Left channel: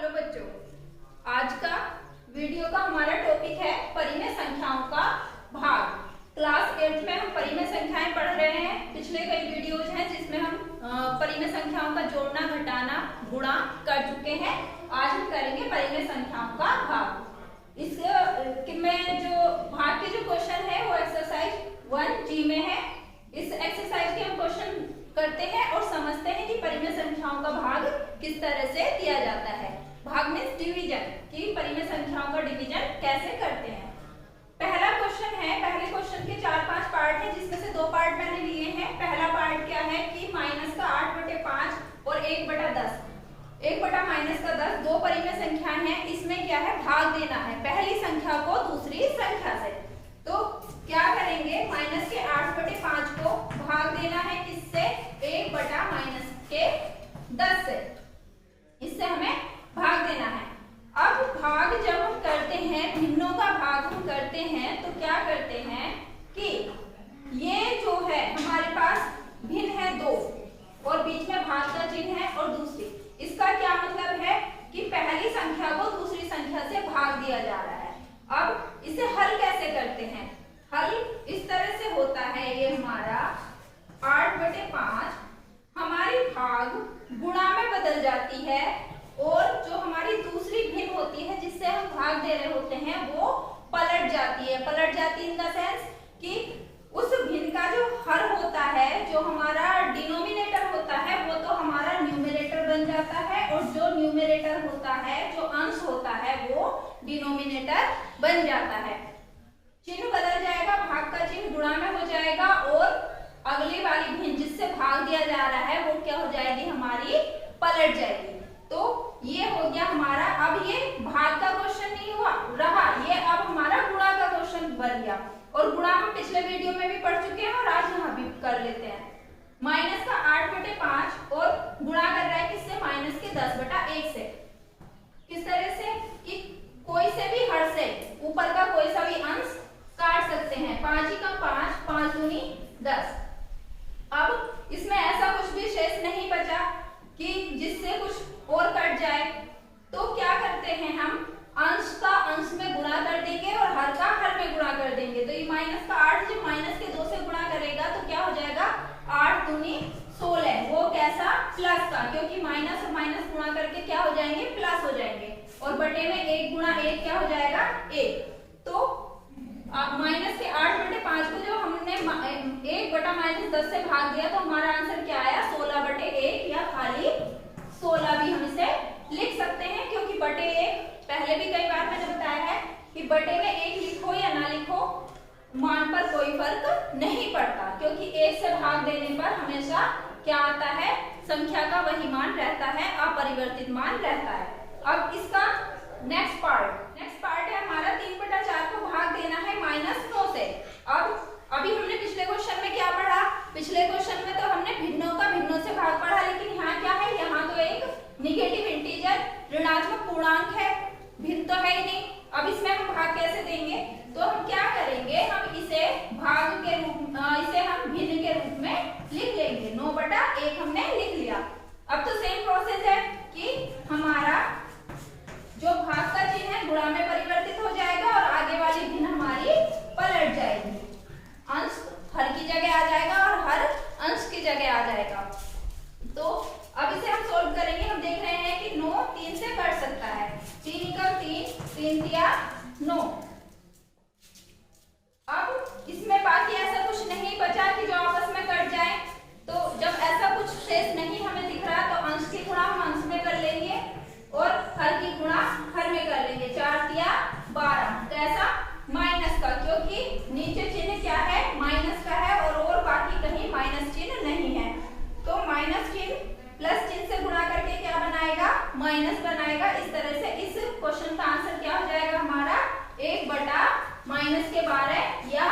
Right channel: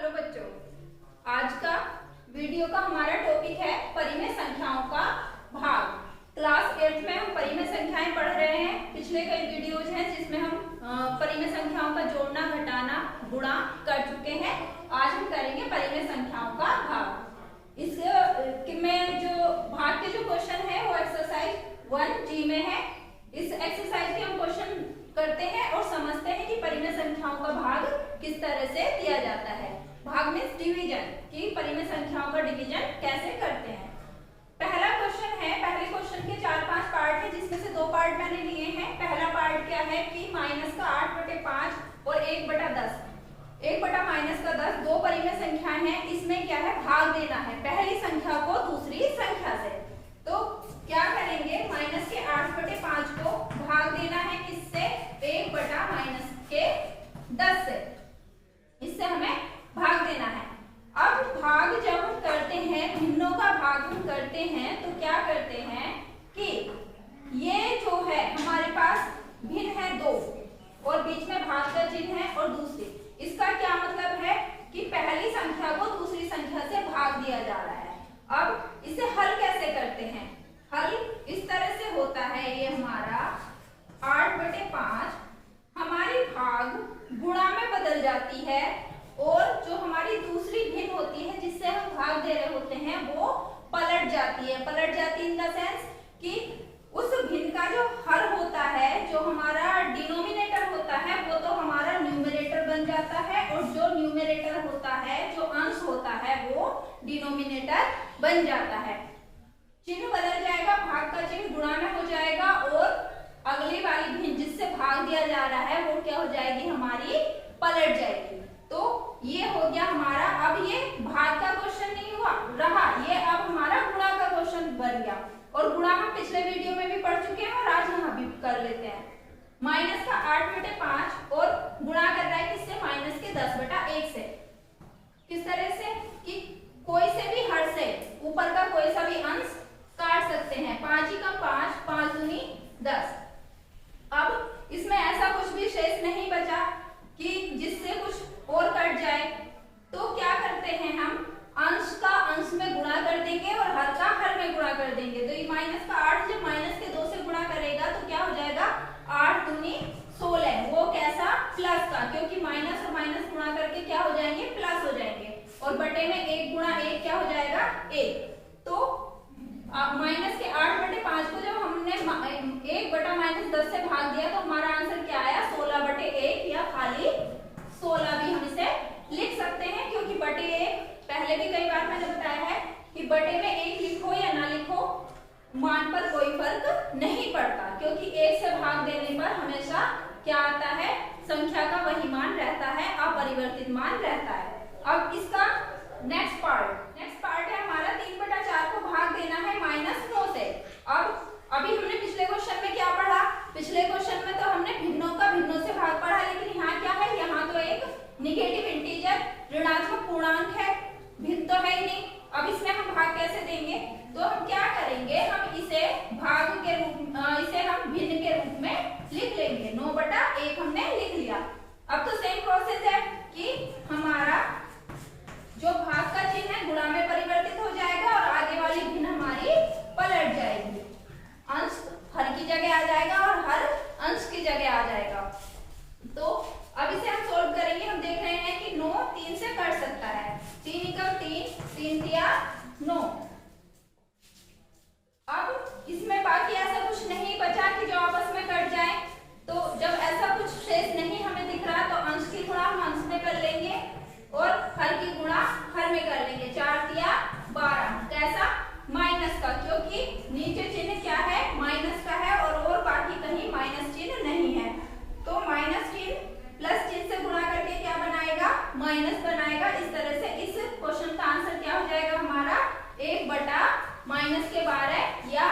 Hello बच्चों, आज का वीडियो का हमारा टॉपिक है परिमेय संख्याओं का भाग। क्लास 8 में हम परिमेय संख्याएं पढ़ रहे हैं। पिछले कई वीडियोज हैं जिसमें हम परिमेय संख्याओं का जोड़ना, घटाना, गुणा कर चुके हैं। आज हम करेंगे परिमेय संख्याओं का भाग। इसके में जो भाग के जो क्वेश्चन है वो एक्सरसाइज 1G में है। इस एक्सरसाइज के हम क्वेश्चन करते हैं और समझते हैं कि परिमेय संख्याओं का भाग किस तरह से किया जाता है। भाग मींस डिवीजन, कि परिमेय संख्याओं का डिवीजन कैसे करते हैं। पहला क्वेश्चन है, पहले क्वेश्चन के 4-5 पार्ट हैं जिसमें से 2 पार्ट मैंने लिए हैं। पहला पार्ट क्या है कि माइनस का 8/5 और 1/10। 1/-10 दो परिमेय संख्याएं हैं। इसमें क्या है, भाग देना है पहली संख्या को दूसरी संख्या से। तो क्या करेंगे, माइनस के 8/5 को भाग देना है किससे, 1/-10 से। इससे हमें भाग देना है। अब भाग जब हम करते हैं, भिन्नों का भाग हम करते हैं तो क्या करते हैं कि ये जो है हमारे पास भिन्न है 2 और बीच में भाग का चिन्ह है और दूसरी। इसका क्या मतलब है कि पहली संख्या को दूसरी संख्या से भाग दिया जा रहा है। अब इसे हल कैसे करते हैं, हल इस तरह से होता है, ये हमारा 8/5 हमारी भाग गुणा में बदल जाती है और जो हमारी दूसरी भिन्न होती है जिससे हम भाग दे रहे होते हैं वो पलट जाती है। पलट जाती इन द सेंस कि उस भिन्न का जो हर होता है, जो हमारा डिनोमिनेटर होता है, वो तो हमारा न्यूमरेटर बन जाता है और जो न्यूमरेटर होता है, जो अंश होता है, वो डिनोमिनेटर बन जाता है। चिन्ह बदल जाएगा, भाग का चिन्ह गुणा में हो जाएगा और अगली वाली भिन्न जिससे भाग दिया जा रहा है वो क्या हो जाएगी, हमारी पलट जाएगी। तो ये हो गया हमारा। अब ये भाग का क्वेश्चन नहीं हुआ रहा, ये अब हमारा गुणा का क्वेश्चन बन गया। और गुणा हम पिछले वीडियो में भी पढ़ चुके हैं और आज यहाँ भी कर लेते हैं। माइनस का 8/5 और गुणा कर रहा है किससे, माइनस के 10/1 से। किस तरह से कि कोई से भी हर से ऊपर का कोई सा भी अंश काट सकते हैं। 5 × 5, 5 दूनी 10। अब इसमें ऐसा कुछ भी शेष नहीं बचा कि जिससे कुछ और कट जाए, तो क्या करते हैं हम, अंश का अंश में गुणा कर देंगे और हर का हर में गुणा कर देंगे। तो ये माइनस का 8 जब माइनस के 2 से गुणा करेगा तो क्या हो जाएगा, 8 दूनी 16। वो कैसा, प्लस का, क्योंकि माइनस और माइनस गुणा करके क्या हो जाएंगे, प्लस हो जाएंगे। और बटे में 1 × 1 क्या हो जाएगा, 1। तो माइनस के 8/5 को जब हमने 1/-10 से भाग दिया तो हमारा आंसर क्या आया, 16/1 या खाली 16 भी हम इसे लिख सकते हैं। क्योंकि बटे 1 पहले भी कई बार मैंने बताया है कि बटे में 1 लिखो या ना लिखो, मान पर कोई फर्क नहीं पड़ता, क्योंकि 1 से भाग देने पर हमेशा क्या आता है, संख्या का वही मान रहता है, अपरिवर्तित मान रहता है। अब इसका नेक्स्ट पार्ट है हमारा 3/4 को भाग देना है -9 से। अब अभी हमने पिछले क्वेश्चन में क्या पढ़ा, पिछले क्वेश्चन में तो हमने भिन्नों का भिन्नों से भाग पढ़ा, लेकिन यहाँ क्या है, यहाँ तो एक निगेटिव इंटीजर ऋणात्मक पूर्णांक है, भिन्न तो है ही नहीं। अब इसमें हम भाग कैसे देंगे, तो हम क्या करेंगे, हम इसे भाग के रूप इसे हम भिन्न के रूप में लिख लेंगे। 9/1 हमने लिख लिया। अब तो सेम प्रोसेस है कि हमारा जो भाग का चिन्ह है गुणा में परिवर्तित हो जाएगा और आगे वाली भिन्न हमारी पलट जाएगी। अंश हर की जगह आ जाएगा और हर अंश की जगह आ जाएगा। तो अब इसे हम सोल्व करेंगे। हम देख रहे हैं कि 9 3 से कट सकता है, 3 × 3, 3 × 9। अब इसमें बाकी ऐसा कुछ नहीं बचा कि जो आपस में कट जाए। तो जब ऐसा कुछ शेष नहीं हमें दिख रहा तो अंश की गुणा हम अंश में कर लेंगे और हर की गुणा हर में कर लेंगे। 4 × 12 कैसा, माइनस का, क्योंकि नीचे चिन्ह क्या है, माइनस का है और बाकी कहीं माइनस चिन्ह नहीं है। तो माइनस चिन्ह प्लस चिन्ह से गुणा करके क्या बनाएगा, माइनस बनाएगा। इस तरह से इस क्वेश्चन का आंसर क्या हो जाएगा हमारा, 1/-12 या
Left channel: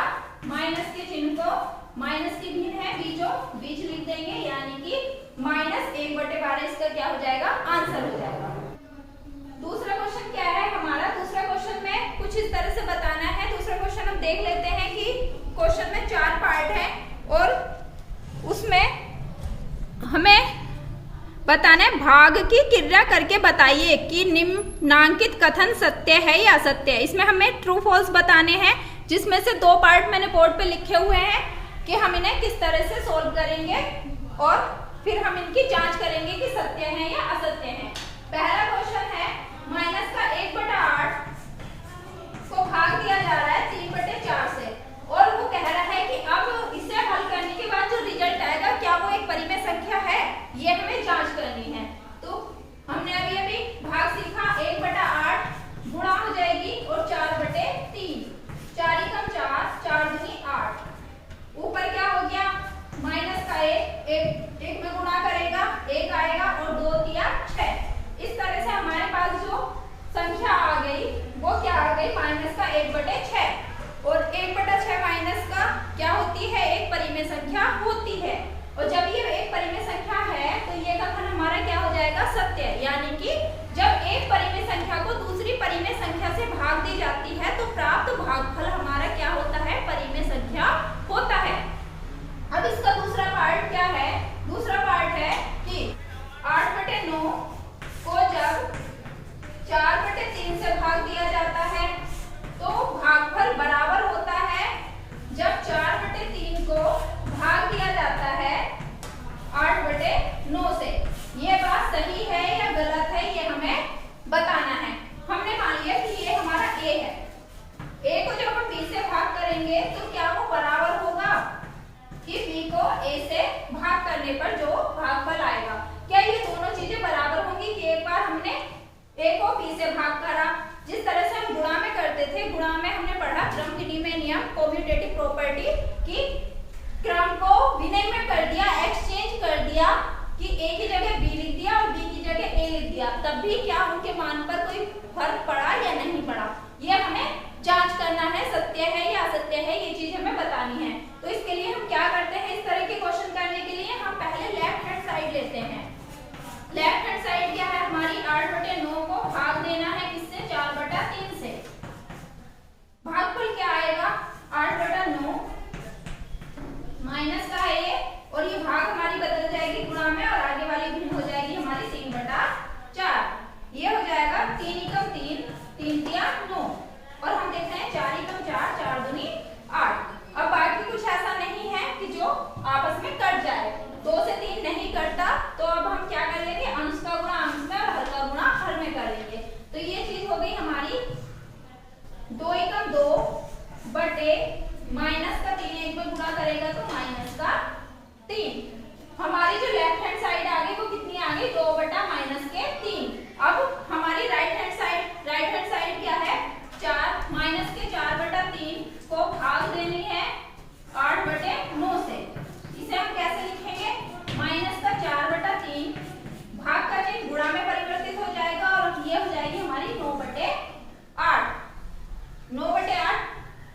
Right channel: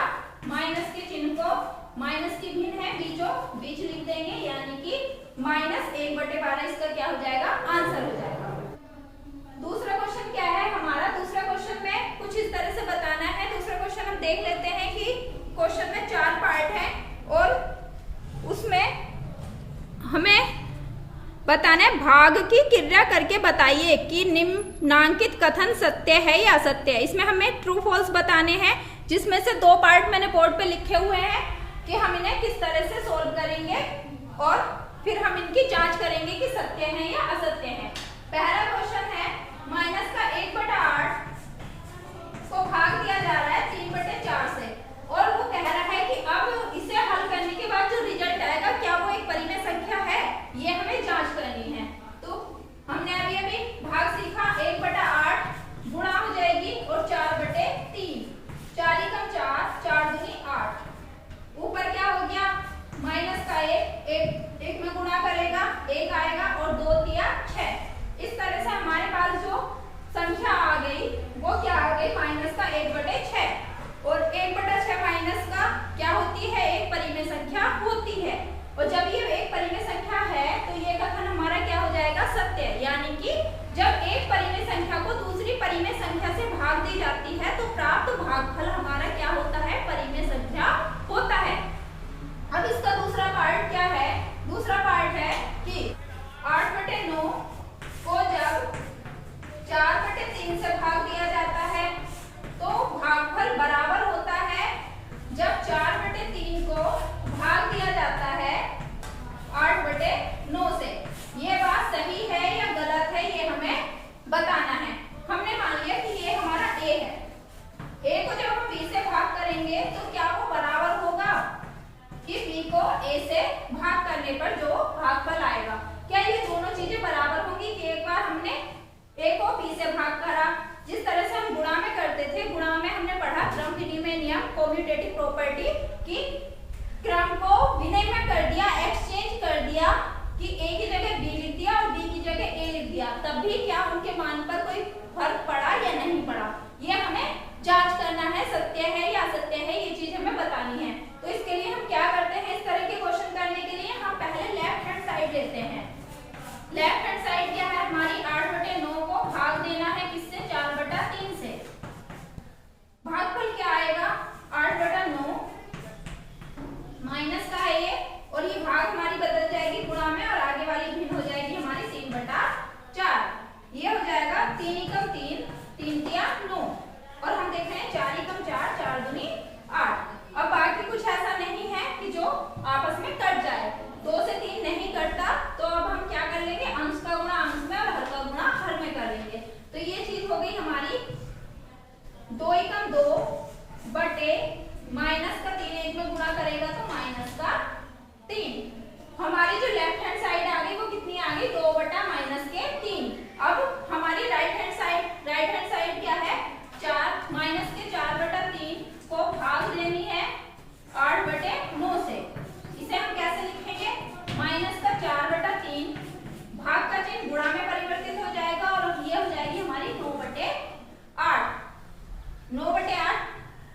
माइनस के चिन्ह को, माइनस की भिन्न है बीचों बीच लिख देंगे, यानी कि -1/12 इसका क्या हो जाएगा, आंसर हो जाएगा। दूसरा क्वेश्चन क्या है हमारा, दूसरा क्वेश्चन में कुछ इस तरह से बताना है। दूसरा क्वेश्चन हम देख लेते हैं कि क्वेश्चन में 4 पार्ट हैं और उसमें हमें बताना है भाग की क्रिया करके बताइए कि निम्नांकित कथन सत्य है या असत्य है। इसमें हमें ट्रू फॉल्स बताने हैं, जिसमें से 2 पार्ट मैंने बोर्ड पे लिखे हुए हैं कि हम इन्हें किस तरह से सोल्व करेंगे और फिर हम इनकी जांच करेंगे कि सत्य है या असत्य है। पहला क्वेश्चन है माइनस का 1/8 को भाग दिया जा रहा है 3/4 से, और वो कह रहा है कि अब इसे हल करने के बाद जो रिजल्ट आएगा क्या वो एक परिमेय संख्या है, ये हमें जांच करनी है। तो हमने अभी भाग सीखा 1/8 गुणा हो जाएगी और 4/3, 4 × 4, 4 दूनी 8। ऊपर क्या हो गया माइनस का 1 में गुणा करेगा 1 आएगा और 2 × 6। इस तरह से हमारे पास जो संख्या आ गई वो क्या आ गई माइनस का 1/6, और 1/6 माइनस का क्या होती है, एक परिमेय संख्या होती है। और जब ये एक परिमेय संख्या है तो ये कथन हमारा क्या हो जाएगा, सत्य। यानी कि जब एक परिमेय संख्या को दूसरी परिमेय संख्या से भाग दी जाती है तो प्राप्त भागफल हमारा क्या होता है, परिमेय संख्या होता है। अब इसका दूसरा पार्ट क्या है, दूसरा पार्ट है कि 8/9 को जब 4/3 से भाग दिया जाता है तो भागफल बराबर होता है जब 4/3 को भाग दिया जाता है 8/9 से। ये बात सही है या गलत है ये हमें बताना है। हमने मान लिया कि ये हमारा a है, a को जब हम b से भाग करेंगे तो क्या वो बराबर होगा कि b को a से भाग करने पर जो भागफल आएगा, क्या ये दोनों चीजें बराबर होंगी कि एक बार हमने a को b से भाग करा, जिस तरह से हम गुणा में करते थे, गुणा में हमने पढ़ा क्रम विनिमय नियम, कम्यूटेटिव प्रॉपर्टी, कि क्रम को विनिमय में कर दिया, एक्सचेंज कर दिया, कि a की जगह b लिख दिया और b की जगह a लिख दिया, तब भी क्या उनके मान पर कोई फर्क पड़ा या नहीं पड़ा, ये हमें जांच करना है, सत्य है या असत्य है, ये चीज हमें बतानी है। तो इसके लिए हम क्या करते हैं, इस तरह के क्वेश्चन करने के लिए हम पहले लेफ्ट हैंड साइड लेते हैं। लेफ्ट हैंड साइड क्या है हमारी, 8/9 को भाग देना है किससे, 4/3 से। भागफल क्या आएगा, 8/9 माइनस का है ये, और ये भाग हमारी बदल जाएगी गुणा में और आगे वाली भिन्न हो जाएगी हमारी 3/4। ये हो जाएगा 3 × 3, 3 × 9, और हम देख रहे हैं 4 × 4, 4 दूनी 8। अब बाकी कुछ ऐसा नहीं है कि जो आपस में कट जाए, 2 से 3 नहीं कटता, तो अब हम क्या कर लेंगे, अंश का गुणा अंश में और हर का गुणा हर में कर लेंगे। तो ये चीज हो गई हमारी 2 × 2 बटे माइनस का 3, 1 में गुणा करेगा तो माइनस का 3। हमारी जो लेफ्ट हैंड साइड आ गई वो कितनी आ गई, 2/-3। अब हमारी राइट हैंड साइड क्या है, 4 माइनस के 4/3 को भाग देनी है 8/9 से। इसे हम कैसे लिखेंगे, माइनस का 4/3, भाग का चिन्ह गुणा में परिवर्तित हो जाएगा और ये हो जाएगी हमारी 9/8। 9/8,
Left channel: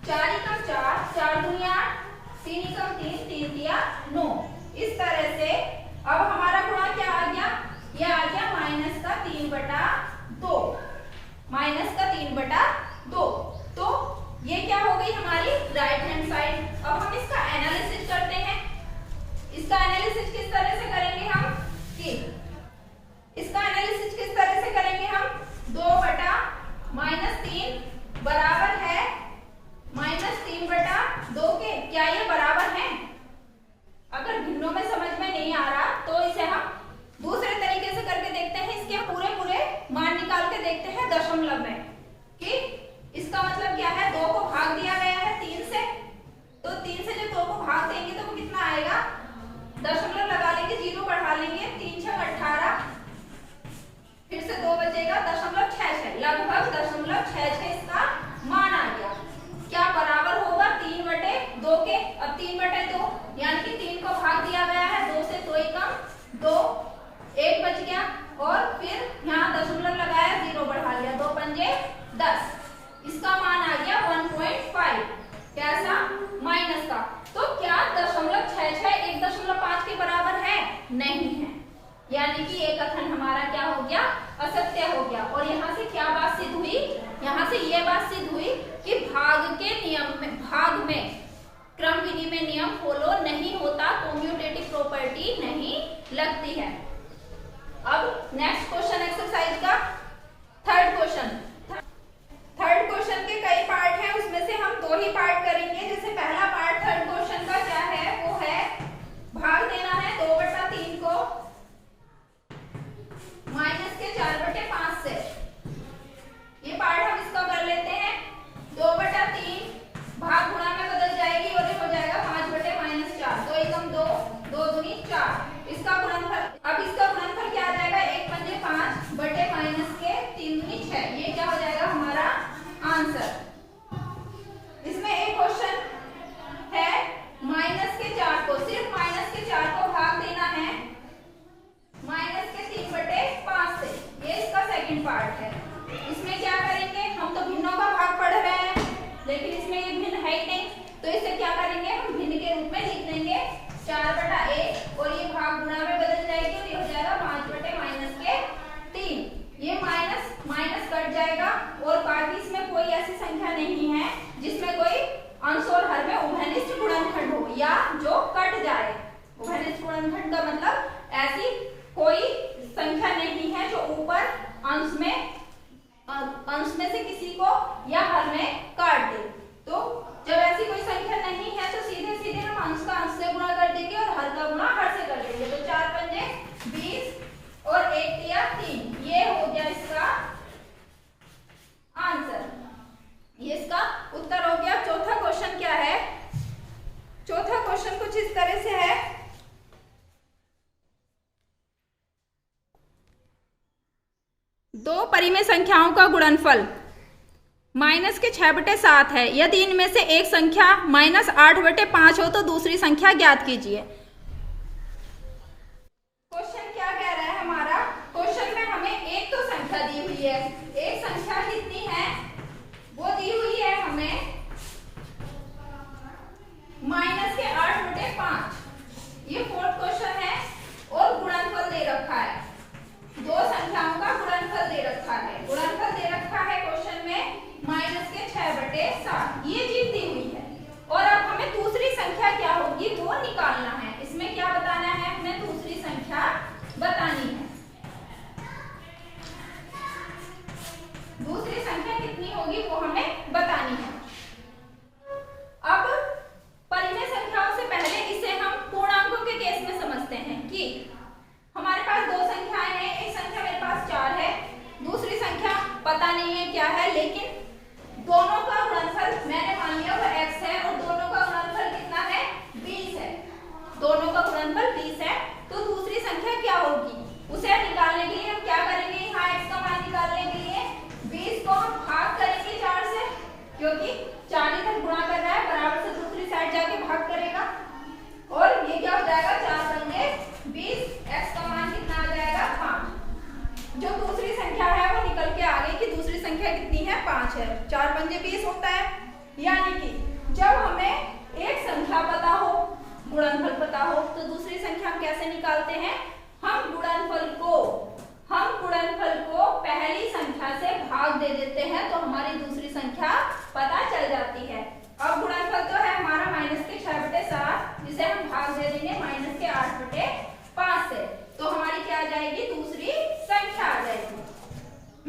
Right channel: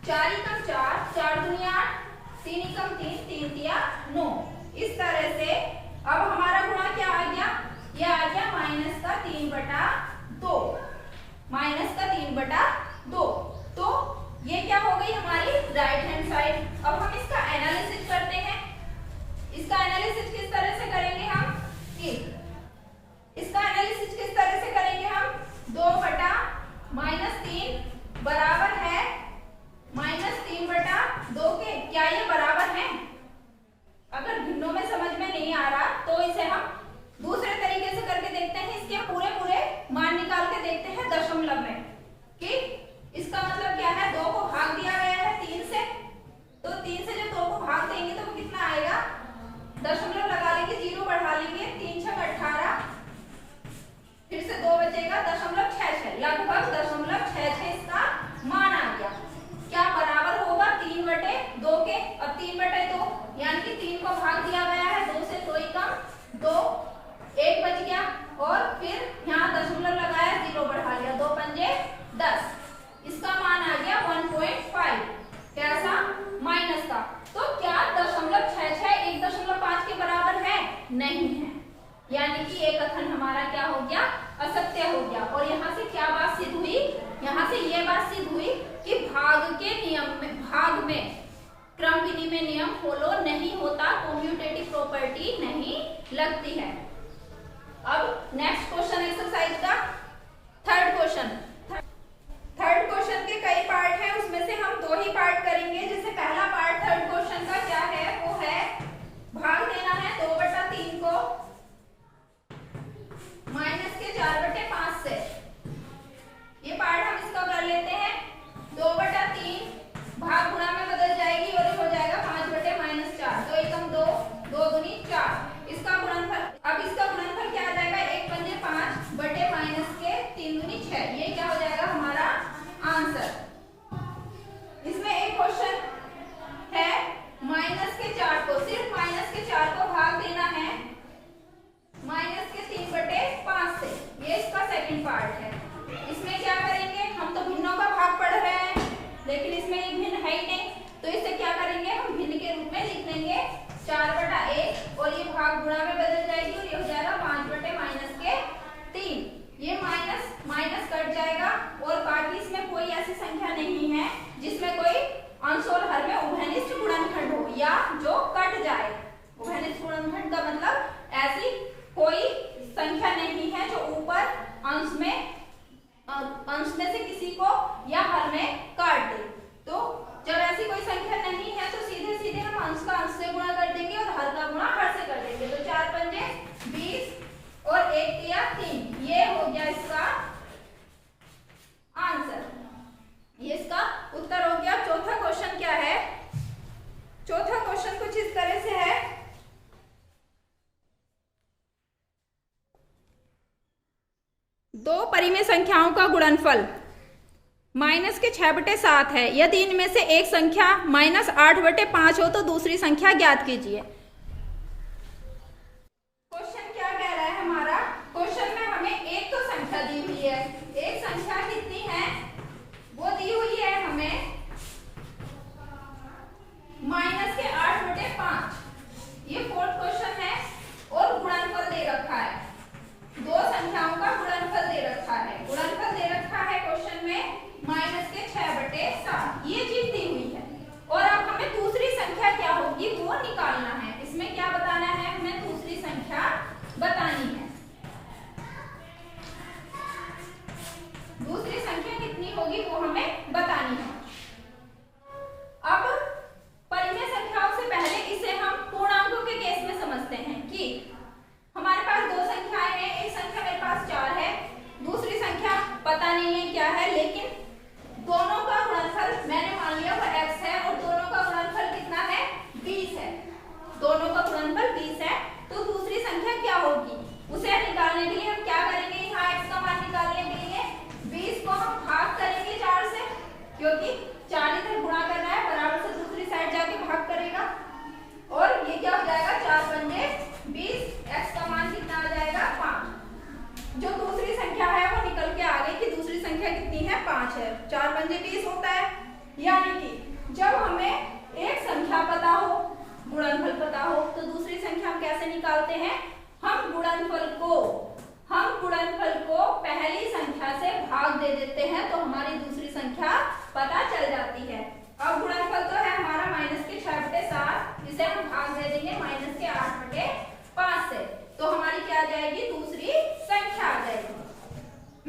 4 × 4, 4 दूनी 8, 3 × 3, 3 × 9। इस तरह से अब हमारा गुणा क्या आ गया, ये आ गया माइनस का 3/2, माइनस का 3/2। तो ये क्या हो गई हमारी राइट हैंड साइड। अब हम इसका एनालिसिस करते हैं। इसका एनालिसिस किस तरह से करेंगे हम, कि इसका एनालिसिस किस तरह से करेंगे हम, 2/-3 बराबर है -3/2 के। क्या ये बराबर है? अगर भिन्नों में समझ में नहीं आ रहा तो इसे हम दूसरे तरीके से करके देखते हैं। इसके पूरे मान निकाल के देखते हैं दशमलव में, कि इसका मतलब क्या है, 2 को भाग दिया गया है 3 से, तो 3 से जब 2 को भाग देंगे तो वो कितना आएगा, दशमलव लगा लेंगे, 0 बढ़ा लेंगे, 3 × 6 18, फिर से 2 बचेगा, 0.66, लगभग 0.66 इसका मान आ गया। क्या बराबर होगा 3/2 के। अब 3/2 यानी कि 3 को भाग दिया गया है 2 से, 2 कम 2, 1 बच गया, और फिर यहाँ दशमलव लगाया, 0 बढ़ा लिया, 2 पंजे 10, इसका मान आ गया 1.5। कैसा, माइनस का। तो क्या 0.66 1.5 के बराबर है? नहीं है, यानी कि एक कथन हमारा क्या हो गया, असत्य हो गया। और यहाँ से क्या बात सिद्ध हुई, यहाँ से ये बात सिद्ध हुई कि भाग में क्रम विनिमय नियम फॉलो नहीं होता, कम्यूटेटिव प्रॉपर्टी नहीं लगती है। अब नेक्स्ट क्वेश्चन एक्सरसाइज का थर्ड क्वेश्चन। थर्ड क्वेश्चन के कई पार्ट हैं, उसमें से हम 2 ही पार्ट करेंगे। जैसे पहला पार्ट थर्ड क्वेश्चन का क्या है, वो है भाग देना है 2/3 को -4/5 से। ये पार्ट हम इसका कर लेते हैं। 2/3 भाग गुणा में बदल जाएगी और ये हो जाएगा 5/-4। 2 एकम 2, 2 दूनी 4। इसका गुणनफल, अब इसका गुणनफल क्या आ जाएगा, 1 पंजे 5 बटे -3 दूनी 6। ये क्या हो जाएगा हमारा आंसर। इसमें एक क्वेश्चन है -4 को, सिर्फ -4 को भाग देना है -3/5 से। ये इसका सेकंड पार्ट है। इसमें क्या करेंगे, हम तो भिन्नों का भाग पढ़ रहे हैं, लेकिन इसमें ये भिन्न है ही नहीं, तो इसे क्या करेंगे, हम भिन्न के रूप में लिख देंगे 4/1 और ये भाग गुणा में बदल जाएगी और ये हो जाएगा 5/-3। ये माइनस कट जाएगा और बाकी इसमें कोई ऐसी संख्या नहीं है जिसमें कोई अंश और हर में उभयनिष्ठ गुणनखंड हो या जो कट जाए। उभयनिष्ठ गुणनखंड का मतलब ऐसी कोई संख्या नहीं है जो ऊपर अंश में से किसी को या हर में काट दे। तो जब ऐसी कोई संख्या नहीं है तो सीधे सीधे हम अंश का अंश से गुणा कर देंगे और हर का गुणा हर से कर देंगे। तो 4 पंजे 20 और 1 तिया 3। ये हो गया इसका आंसर, ये इसका उत्तर हो गया। चौथा क्वेश्चन क्या है, चौथा क्वेश्चन कुछ इस तरह से है। दो परिमेय संख्याओं का गुणनफल -6/7 है। यदि इनमें से एक संख्या -8/5 हो तो दूसरी संख्या ज्ञात कीजिए। क्वेश्चन क्या कह रहा है हमारा, क्वेश्चन में हमें एक तो संख्या दी हुई है, एक संख्या कितनी है वो दी हुई है हमें -8/5। ये फोर्थ क्वेश्चन है और गुणनफल दे रखा है, दो संख्याओं का गुणनफल दे रखा है। गुणनफल दे रखा है क्वेश्चन में -6/7, ये चीज दी हुई है। और अब हमें दूसरी संख्या क्या होगी वो निकालना है। इसमें क्या बताना है, हमें दूसरी संख्या बतानी है। दूसरी संख्या कितनी होगी वो हमें बतानी है। अब परिमेय संख्याओं से पहले इसे हम पूर्णांकों के केस में समझते हैं कि हमारे पास दो संख्याएं हैं, एक संख्या मेरे पास 4 है, दूसरी संख्या पता नहीं है क्या है, लेकिन दोनों का गुणनफल मैंने मान लिया वो x है और दोनों का गुणनफल कितना है 20 है। दोनों का गुणनफल 20 है, तो दूसरी संख्या क्या होगी उसे निकालने के लिए हम क्या करेंगे, यहाँ x का मान निकालने के लिए 20 को हम भाग करेंगे 4 से, क्योंकि 4 इधर गुणा कर रहा है, बराबर से दूसरी साइड जाके भाग करेगा और ये क्या हो जाएगा 4 पंजे 20, x का मान कितना आ जाएगा 5। जो दूसरी संख्या है वो निकल के आ गई कि दूसरी संख्या कितनी है 5 है। 4 पंजे 20 होता है। यानी कि जब हमें एक संख्या पता हो, गुणनफल पता हो, तो दूसरी संख्या हम कैसे निकालते हैं, हम गुणनफल को पहली संख्या से भाग दे देते हैं तो हमारी दूसरी संख्या पता चल जाती है। अब गुणनफल तो है हमारा -6/7, जिसे हम भाग दे देंगे -8/5 से, तो हमारी क्या आ जाएगी दूसरी संख्या आ जाएगी।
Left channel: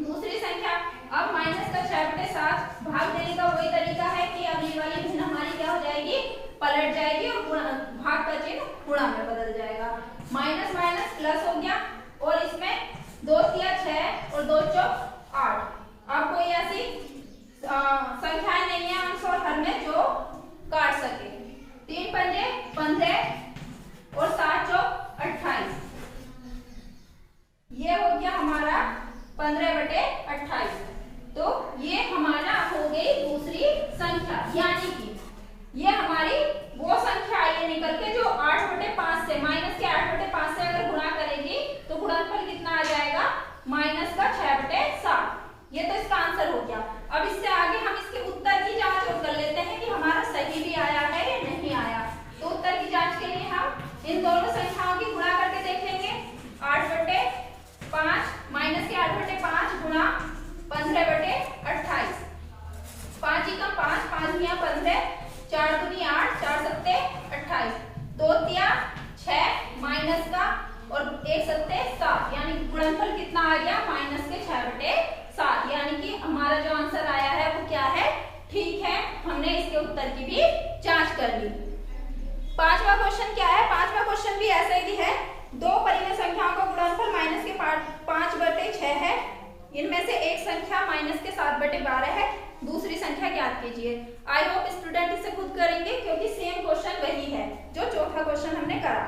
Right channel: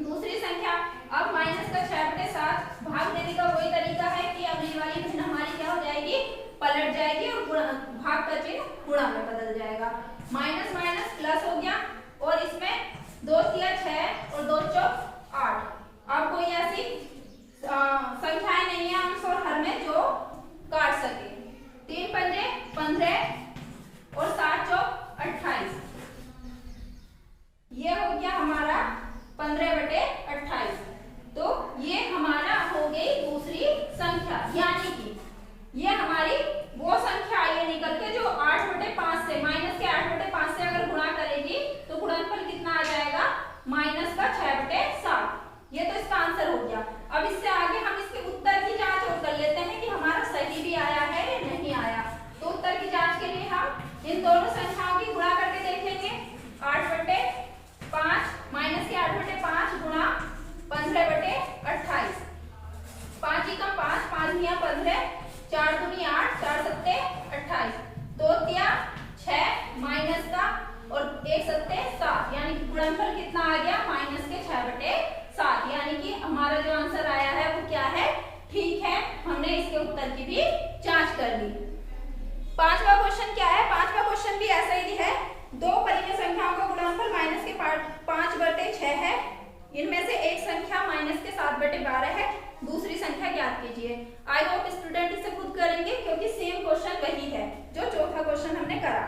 दूसरी संख्या अब -6/7 भाग देने का वही तरीका है कि अगली वाली भिन्न हमारी क्या हो जाएगी, पलट जाएगी और भाग का चिन्ह गुणा में बदल जाएगा। माइनस माइनस प्लस हो गया और इसमें 2 तिया 6 और 2 चौक 8। अब कोई ऐसी संख्याएं नहीं है अंश और हर में जो काट सके। 3 पंजे 15 और 7 चौक 28। ये हो गया हमारा 15/28। तो ये हमारा हो गई दूसरी संख्या, यानी कि ये हमारी वो संख्या आई है निकल के जो 8/5 से -8/5 से अगर गुणा करेगी तो गुणनफल कितना आ जाएगा -6/7। ये तो इसका आंसर हो गया। अब इससे आगे हम इसके उत्तर की जांच और कर लेते हैं कि हमारा सही भी आया है या नहीं आया। तो उत्तर की जांच के लिए हम इन दोनों संख्याओं की गुणा करके देखेंगे। 8/5 -8/5 गुणा गुणनफल कितना आ गया, -6/7, यानी कि हमारा जो आंसर आया है वो क्या है, ठीक है। हमने इसके उत्तर की भी जांच कर ली। पांचवा क्वेश्चन क्या है, पांचवा क्वेश्चन भी ऐसा ही है। दो परिमेय संख्याओं का गुणनफल -5/6 है। इनमें से एक संख्या -7/12 है, दूसरी संख्या ज्ञात कीजिए। आई होप स्टूडेंट इसे खुद करेंगे क्योंकि सेम क्वेश्चन वही है जो चौथा क्वेश्चन हमने करा।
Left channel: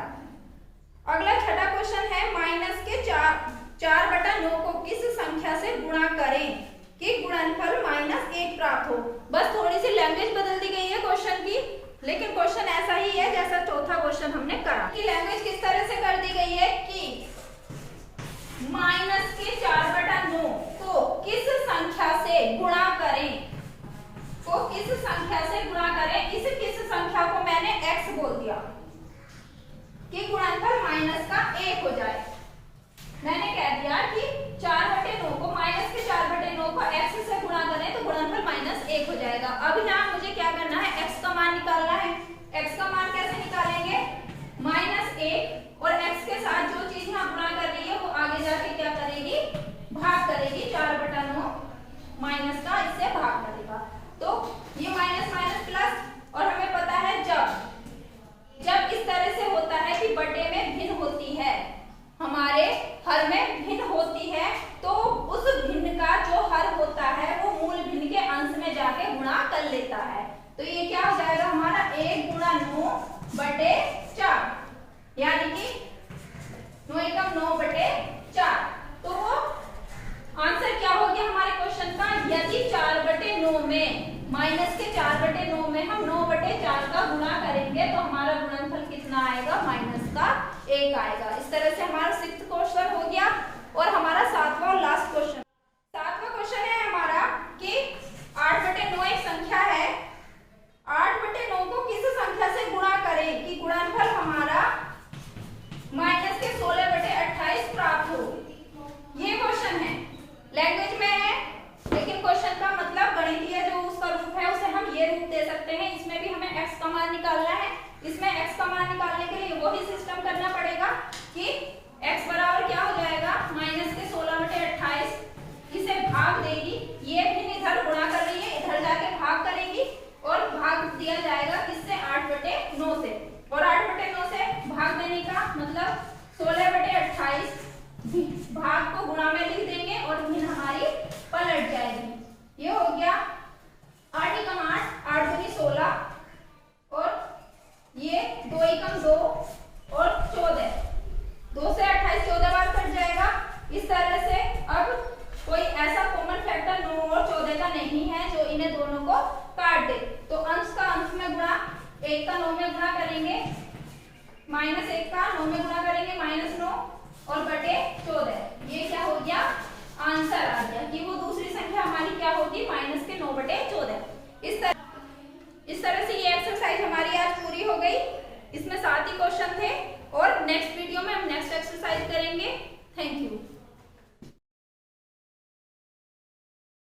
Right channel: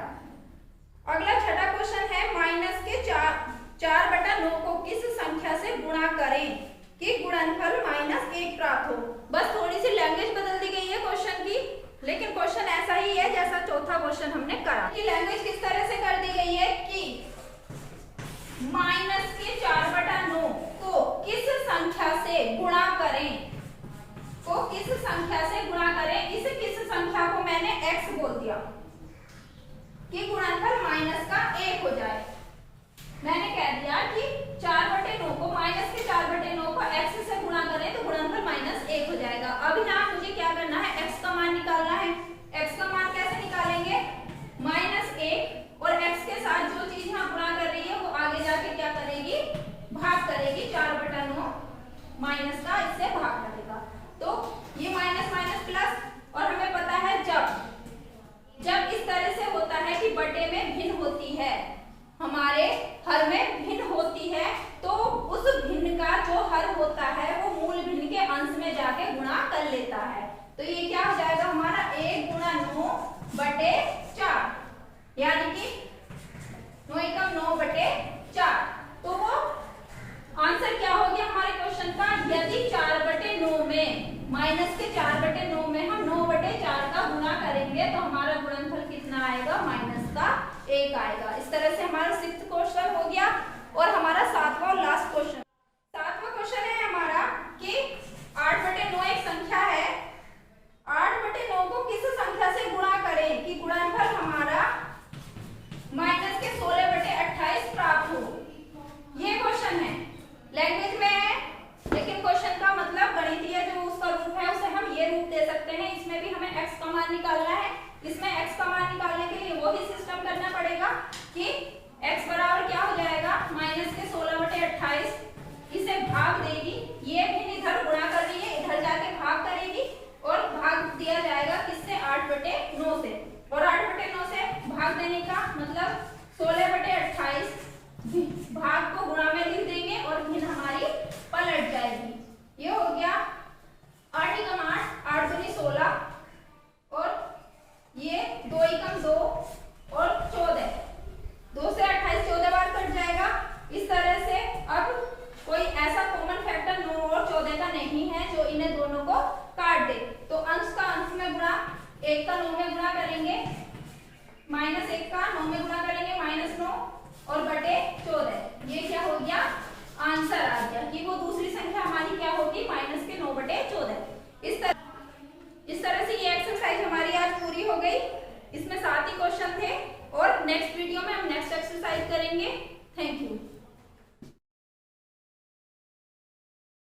अगला छठा क्वेश्चन है, -4/9 को किस संख्या से गुणा करें कि गुणनफल -1 प्राप्त हो। बस थोड़ी सी लैंग्वेज बदल दी गई है क्वेश्चन की, लेकिन क्वेश्चन ऐसा ही है जैसा चौथा क्वेश्चन हमने करा। कि लैंग्वेज किस तरह से कर दी गई है कि -4/9 को किस संख्या से गुणा करें, किस संख्या से गुणा करें। इस किस संख्या को मैंने x बोल दिया कि गुणनफल -1 हो जाए। मैंने कह दिया कि 4/9 को -4/9 को x से गुणा करें तो गुणनफल -1 हो जाएगा। अब यहाँ मुझे क्या करना है, x का मान निकालना है। x का मान कैसे निकालेंगे, -1 और x के साथ जो चीज यहाँ गुणा कर रही है वो आगे जाके क्या करेगी, भाग करेगी। 4/9 माइनस का इससे भाग करेगा, तो ये माइनस माइनस प्लस। और हमें पता है जब इस तरह से होता है कि बटे में भिन्न होती है, हमारे हर में भिन्न होती है, तो उस भिन्न का जो हर होता है वो मूल भिन्न के अंश में जाके गुणा कर लेता है। तो ये क्या हो जाएगा हमारा 1 × 9/4, यानी कि 9 × 9/4। तो वो आंसर क्या हो गया हमारे क्वेश्चन का, यदि 4/9 में -4/9 में हम 9/4 का गुणा करेंगे तो हमारा गुणनफल कितना आएगा, -1 आएगा। इस तरह से हमारा 6th क्वेश्चन हो गया। और हमारा 7वां और लास्ट क्वेश्चन, 7वां क्वेश्चन है हमारा कि 8/9 एक संख्या है, 8/9 को किस संख्या से गुणा करें कि गुणनफल हमारा -16/28 प्राप्त हो। ये क्वेश्चन है, लैंग्वेज में है, लेकिन क्वेश्चन का मतलब गणितीय जो उसका रूप है उसे हम ये रूप दे सकते हैं। इसमें भी हमें x का मान निकालना है। इसमें x का मान निकालने के लिए वही सिस्टम करना पड़ेगा कि x बराबर क्या हो जाएगा, -16/28, इसे भाग देगी, ये भी इधर गुणा कर रही है, इधर जाके भाग करेगी और भाग दिया जाएगा किससे, 8/9 से। और 8/9 से भाग देने का मतलब 16/28 भाग को गुणा में लिख देंगे और भिन्न हमारी पलट जाएगी। ये हो गया 8 × 8, 8 दूनी 16, और ये 2 × 2 और 14, 2 से 28 14 बार कट जाएगा। इस तरह से अब कोई ऐसा कॉमन फैक्टर 9 और 14 का नहीं है जो इन्हें दोनों को काट दे। तो अंश का अंश में गुणा, 1 का 9 में गुणा करेंगे, -1 का 9 में गुणा करेंगे, -9 और /14। ये क्या हो गया, आंसर आ गया कि वो दूसरी संख्या हमारी क्या होगी, -9/14। इस तरह से ये एक्सरसाइज हमारी आज पूरी हो गई। इसमें 7 ही क्वेश्चन थे और नेक्स्ट वीडियो में हम नेक्स्ट एक्सरसाइज करेंगे। Thank you.